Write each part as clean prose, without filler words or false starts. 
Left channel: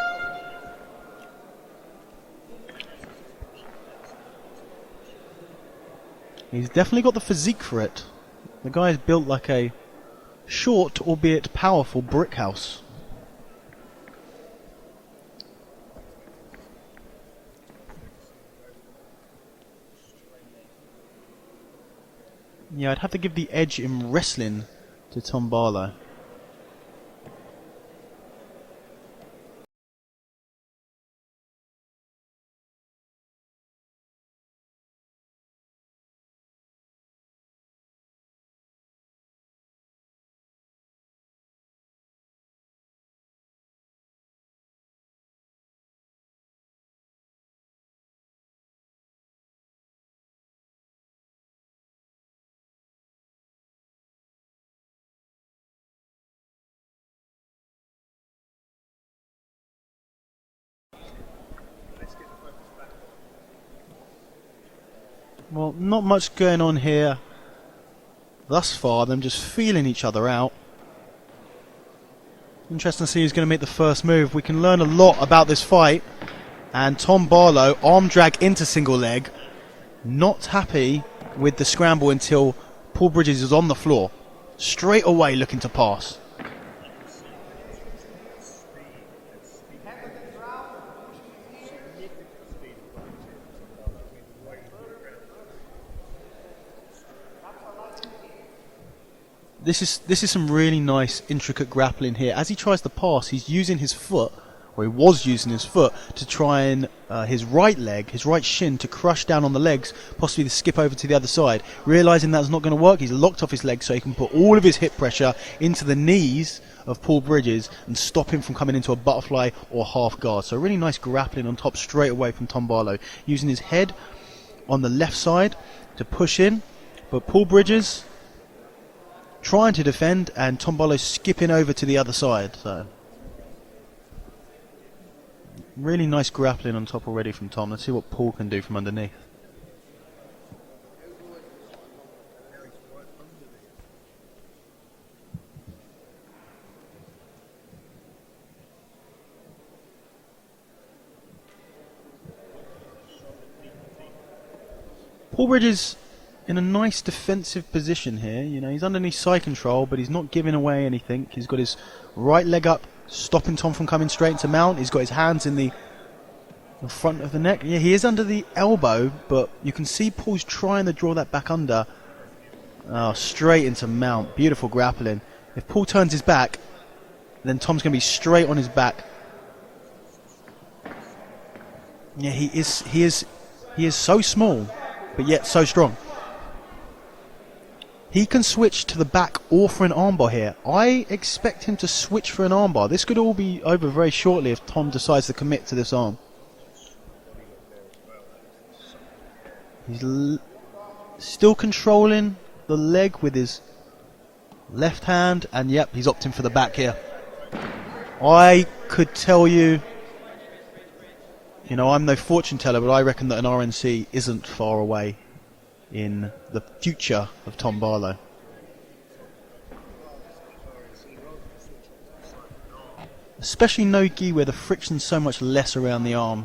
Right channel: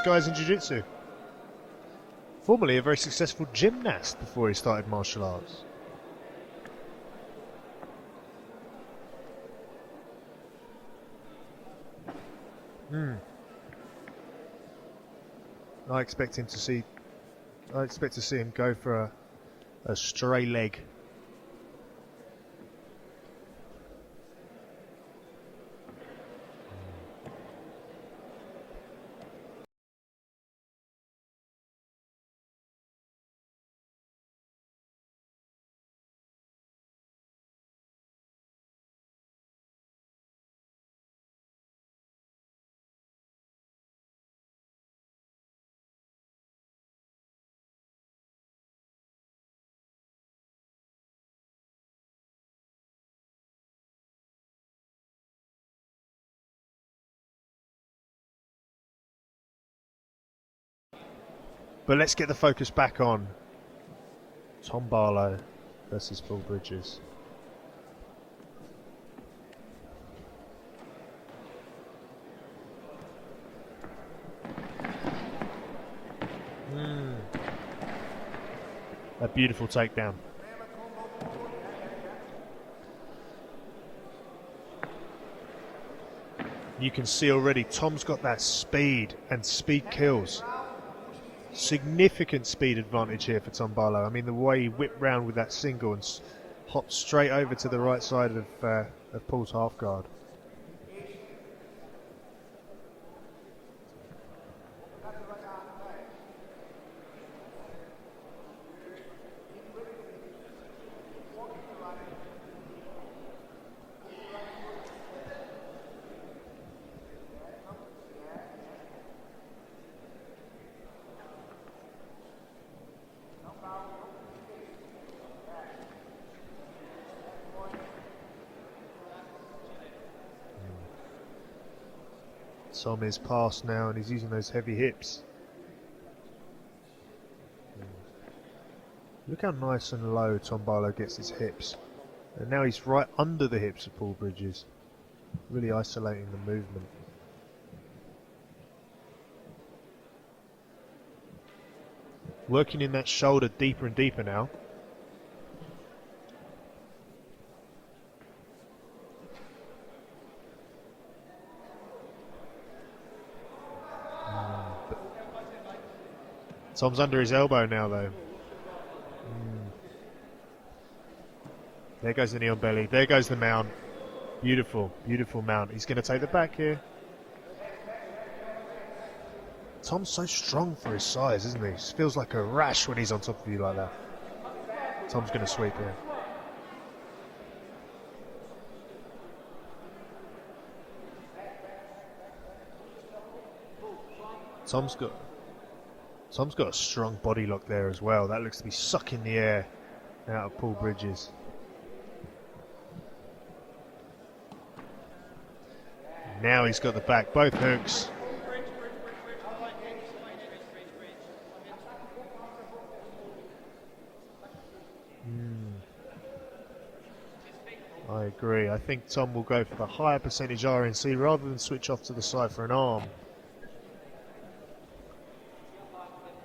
fastest guys in jiu-jitsu. Formerly a very successful gymnast before he started martial arts. He's definitely got the physique for it. The guy's built like a short, albeit powerful, brick house. I expect to see him go for a stray leg. Yeah, I'd have to give the edge in wrestling to Tom Barlow. But let's get the focus back on Tom Barlow. Well, not much going on here thus far. Them just feeling each other out. Interesting to see who's going to make the first move. We can learn a lot about this fight. And Tom Barlow, arm drag into single leg. A beautiful takedown. Not happy with the scramble until Paul Bridges is on the floor. Straight away looking to pass. You can see already Tom's got that speed, and speed kills. Significant speed advantage here for Tom Barlow. I mean, the way he whipped round with that single and hopped straight over to the right side of Paul's half guard. This is some really nice, intricate grappling here. As he tries to pass, he's using his foot, or he was using his foot, to try and his right leg, his right shin, to crush down on the legs, possibly to skip over to the other side. Realising that's not going to work, he's locked off his legs so he can put all of his hip pressure into the knees of Paul Bridges and stop him from coming into a butterfly or half guard. So really nice grappling on top straight away from Tom Barlow, using his head on the left side to push in, but Paul Bridges trying to defend and Tom Barlow skipping over to the other side. So Tom is past now and he's using those heavy hips. really nice grappling on top already from Tom. Let's see what Paul can do from underneath. Look how nice and low Tom Barlow gets his hips. And now he's right under the hips of Paul Bridges, really isolating the movement. Working in that shoulder deeper and deeper now. Paul Bridges in a nice defensive position here. You know, he's underneath side control, but he's not giving away anything. He's got his right leg up, stopping Tom from coming straight into mount. He's got his hands in the Tom's front under of his the elbow neck. now. Yeah, he is though. under the elbow, but you can see Paul's trying to draw that back under. There goes the knee on belly. There goes the straight mount. into mount. Beautiful grappling. Beautiful mount. If Paul He's gonna turns his take the back, here. then Tom's going to be straight on his back. Tom's so strong for his size, isn't he? He feels like Yeah, a rat when he he's is. on top of you like He that. is so small, but yet so strong. He can switch to the back or for an armbar here. I expect him to switch for an armbar. This could all be over very shortly if Tom decides to commit to this arm. Tom's got a strong body lock there as well. That looks to be sucking the air He's out of Paul Bridges. still controlling the leg with his left hand, and yep, he's opting for the Now back he's here. got the back, both hooks. I could tell you, you know, I'm no fortune teller, but I reckon that an RNC isn't far away in the future of Tom Barlow. I agree. I think Tom will go for a higher percentage RNC rather than switch off to the side for an arm. Especially no-gi where the friction's so much less around the arm.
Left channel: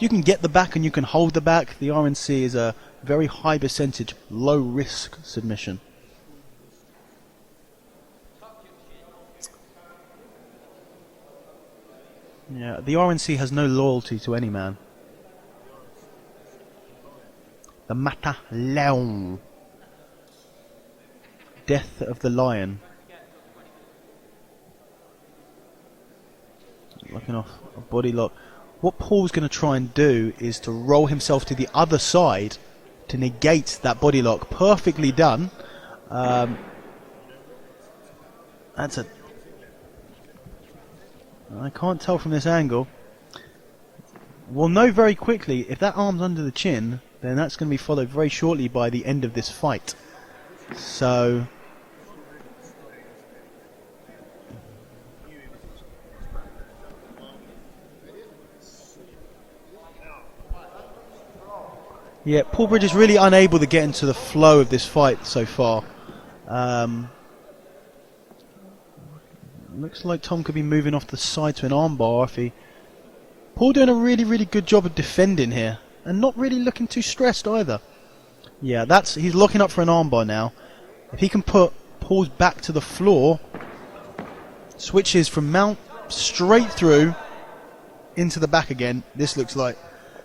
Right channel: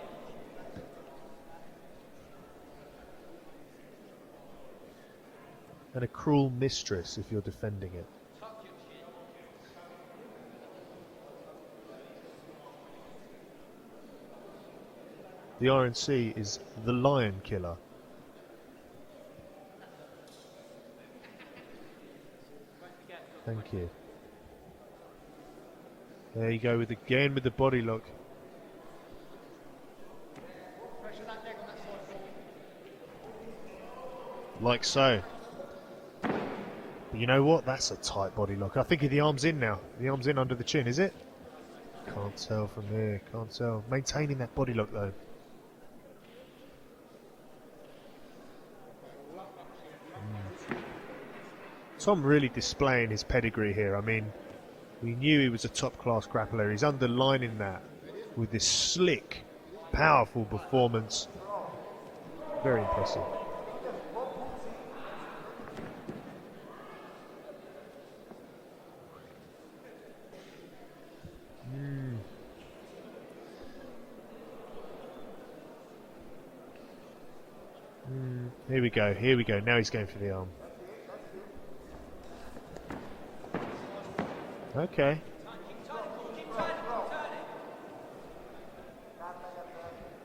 You can get the back and you can hold the back. The RNC is a very high percentage, low risk submission. And a cruel mistress if you're defending it. Yeah, the RNC has no loyalty to any man. The RNC is the lion killer. The Mata Leon. Death of the lion. Thank you. There you go with the body lock. Body lock. What Paul's going to try and do is to roll himself to the other side to negate that body lock. Perfectly Like so. done. You know what? That's a tight body lock. I think the arm's in now. The arm's in under the chin, is it? I can't tell from this angle. Yeah, can't tell. Maintaining that. We'll body know lock, very quickly. If that arm's under the chin, then that's going to be followed very shortly by the end of this fight. So Tom really displaying his pedigree here. I mean, we knew he was a top-class grappler. He's underlining that with this slick, powerful performance. yeah, Paul Bridges really unable to get into the flow of this fight so far. Looks like Tom could be moving off the side to an armbar if he Paul doing a really, really good job of defending here, and not really looking too stressed either. Yeah, he's locking up for an armbar now. If he can put Paul's back to the floor, switches from mount straight through into the back again. This looks like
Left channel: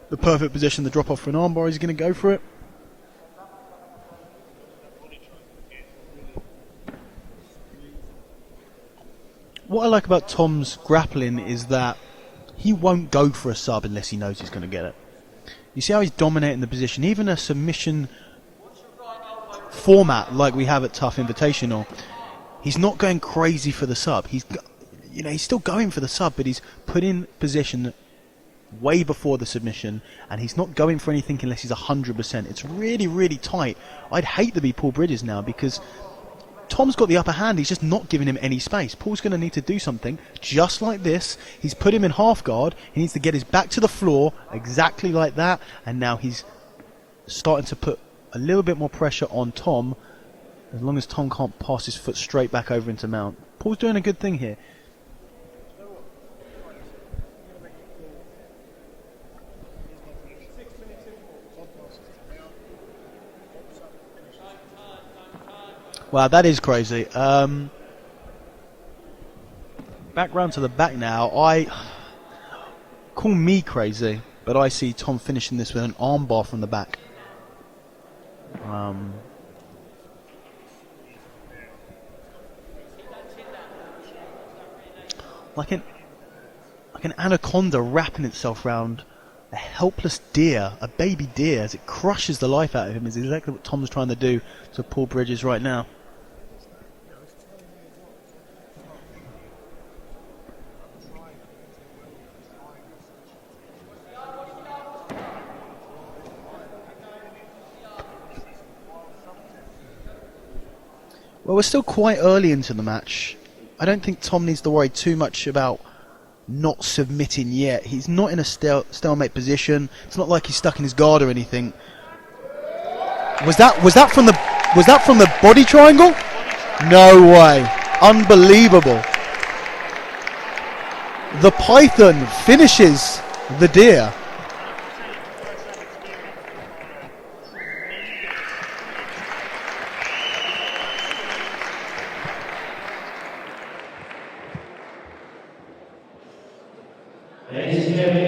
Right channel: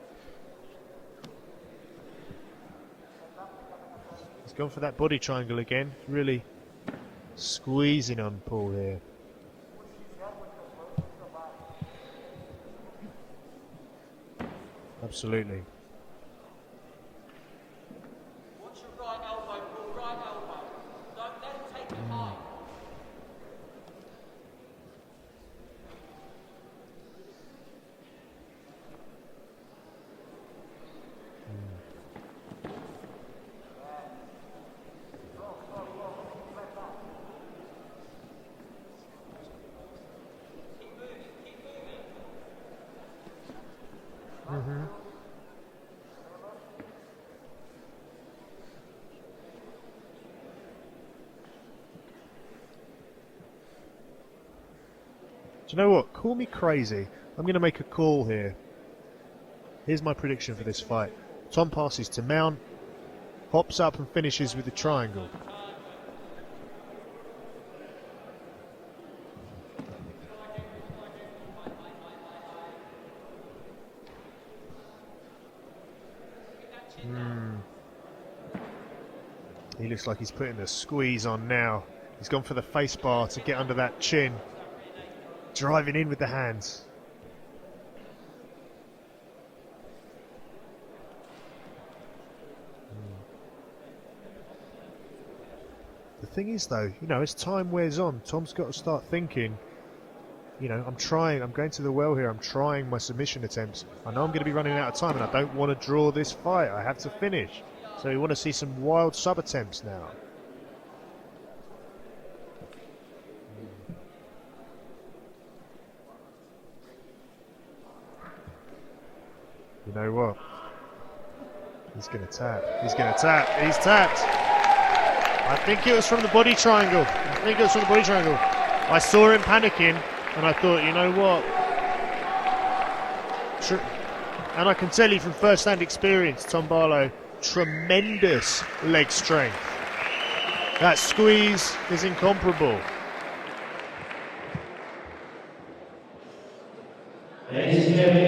the perfect position to drop off for an armbar. He's going to go for it. He's gone for that body triangle again. Really squeezing on Paul here. What I like about Tom's grappling is that he won't go for a sub unless he knows he's going to get it. Absolutely. You see how he's dominating the position. Even a submission format like we have at Tuff Invitational, he's not going crazy for the sub. He's still going for the sub, but he's put in position way before the submission, and he's not going for anything unless he's 100%. It's really, really tight. I'd hate to be Paul Bridges now because Tom's got the upper hand. He's just not giving him any space. Paul's going to need to do something just like this. He's put him in half guard. He needs to get his back to the floor exactly like that, and now he's starting to put a little bit more pressure on Tom, as long as Tom can't pass his foot straight back over into mount. Paul's doing a good thing here. Do you know what? Call me crazy. I'm going to make a call here. Here's my prediction for this fight. Tom passes to mount, hops up and finishes with the triangle. Wow, that is crazy. Back round to the back now. Call me crazy, but I see Tom finishing this with an armbar from the back. He looks like he's putting the squeeze on now. He's gone for the face bar to get under that chin. Driving in with the hands. Like an anaconda wrapping itself round a helpless deer, a baby deer, as it crushes the life out of him, is exactly what Tom's trying to do to Paul Bridges right now. The thing is though, as time wears on, Tom's got to start thinking, I'm going to the well here, I'm trying my submission attempts. I know I'm going to be running out of time and I don't want to draw this fight, I have to finish. So we want to see some wild sub attempts now. Well, we're still quite early into the match. I don't think Tom needs to worry too much about not submitting yet. He's not in a stalemate position. It's not like he's stuck in his guard or anything. He's going to tap. He's going to tap. Was that from the body triangle? From the body triangle. No way. Unbelievable. I saw him panicking and I thought, you know what? The python finishes the deer. And I can tell you from first-hand experience, Tom Barlow, tremendous leg strength. That squeeze is incomparable. Ladies and gentlemen,